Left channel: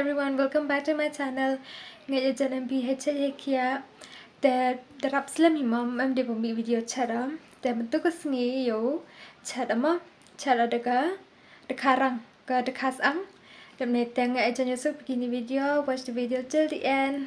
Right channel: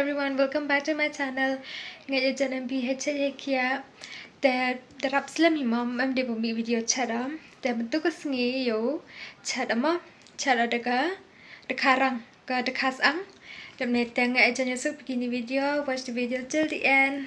everyone, welcome back to my channel. Ngày giờ em bị hết chơi kia. Để rap slam hi mom em đi bấm video charam. Để mình tôi có nghĩ yếu charam á charam dekarang ke dekasang. Dem này teng ngày giờ nyesuk begini video. Watch the video till the end.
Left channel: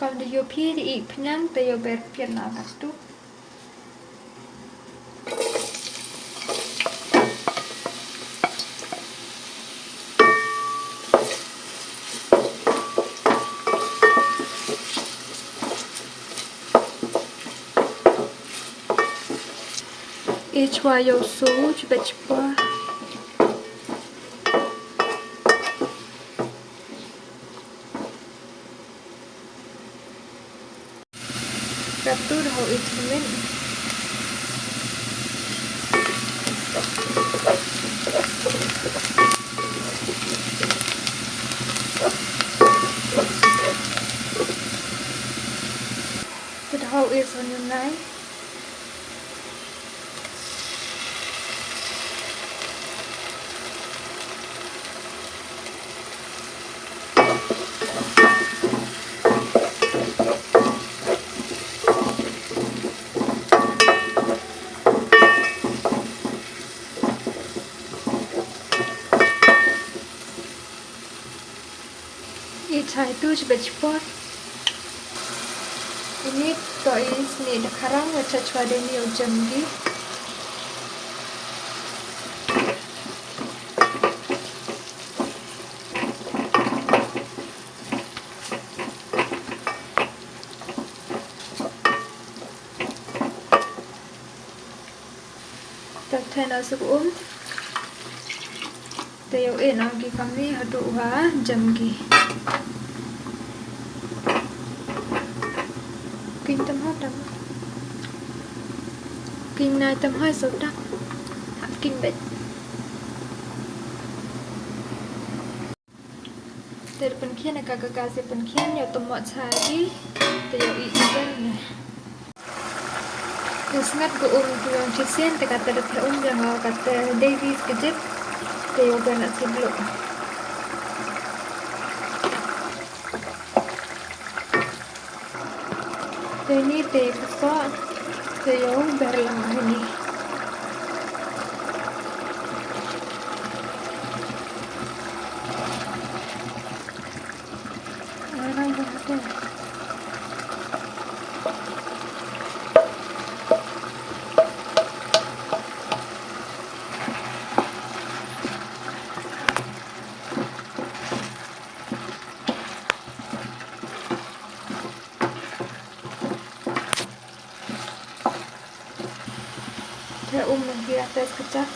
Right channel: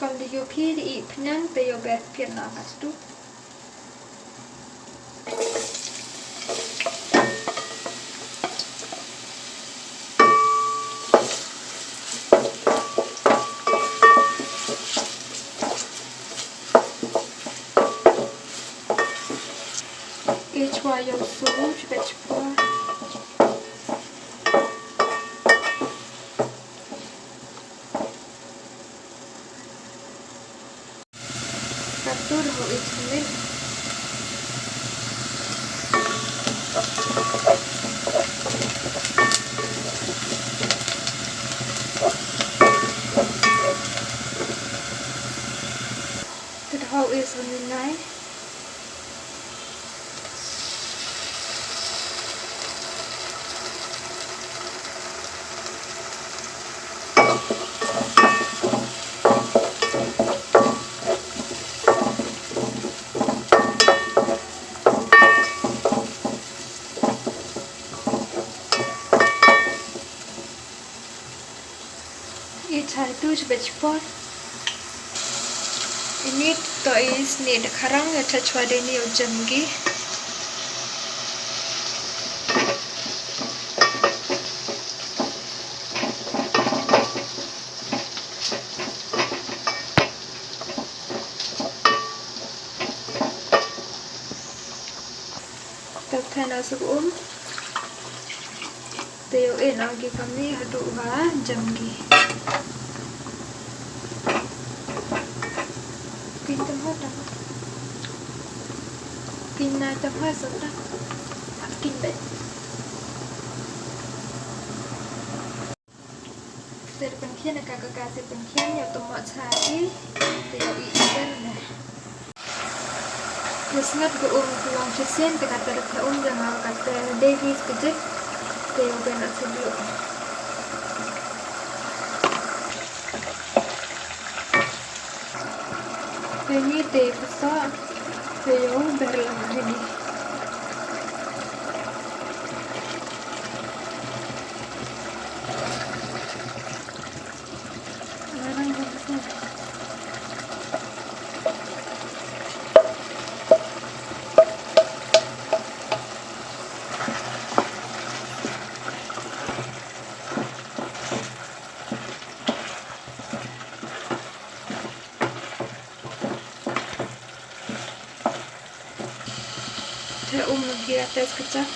Còn đi vô phi thì ít nhang tới vô bẹt phiền nó cả chút. Each way you so bit more. Capture how it's doing. That how is on your knife. Try to vegetable. Ini guys ni dekarang ya touch wade ni ujamgi. Tatay na sukum. Tayo lagi kami hadu ha jamgi. Kinh này tầm 2 số đắp kinh bệnh để bên kia này cả sẽ bên kia nhiều tầm mọi trái để ý bên này terus ngat go uang kisian te kata de yang kata Davis kejip te yoga nak sebelum ini te pasal Yo berlang ini. Saya di atas kecap.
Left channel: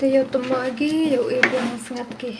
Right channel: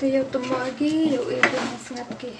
Tayo tumagi yung ibon ng singat ki.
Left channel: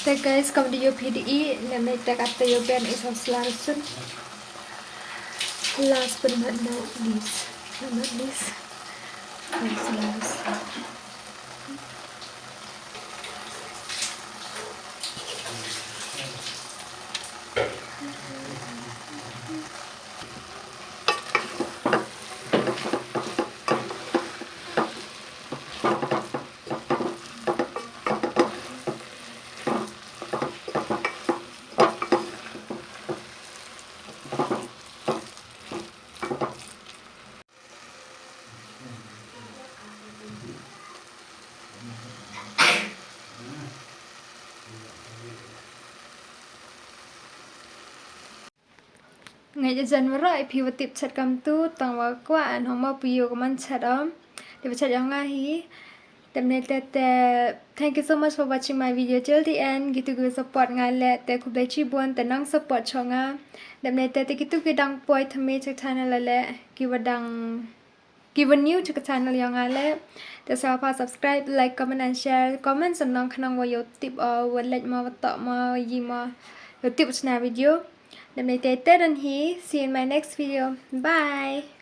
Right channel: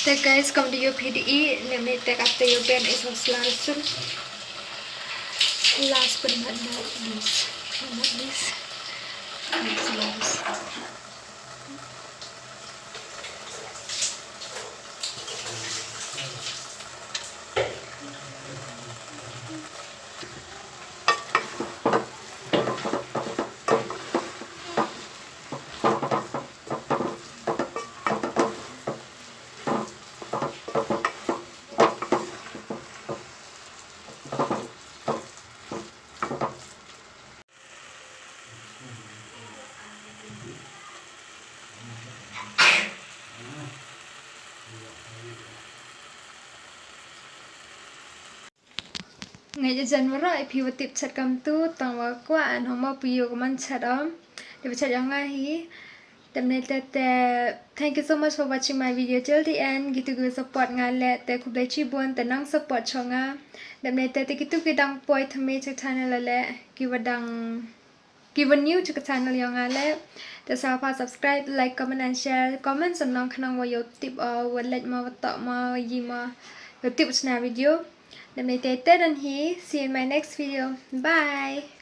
So guys, come to your PDE. Let me take up the again is a slice. Last but not least, slice. ngày dần vào rồi puis tiếp chặt cầm tu tòng vào qua anh không mau puis của mình chặt đó để chặt yang ngay hiแต่ในแต่ thank you so much for watching my video till the end gitu gue support งานแหละแต่คุณได้ชีบวนแต่นั่ง support ช่องอ่ะแต่ในแต่gitu gueดังป่วยทำไมจาก channel แหละกี่ว่าดังกี่ว่า new จาก channel ยังไงแหละแต่สามารถ subscribe like comment and share comment สำนักขนมว่าอยู่ติดวันเล็กมาว่าต่อมายี่มาอยู่ติดชนะวิดีโอแต่ในแต่ดันฮี see you in my next video bye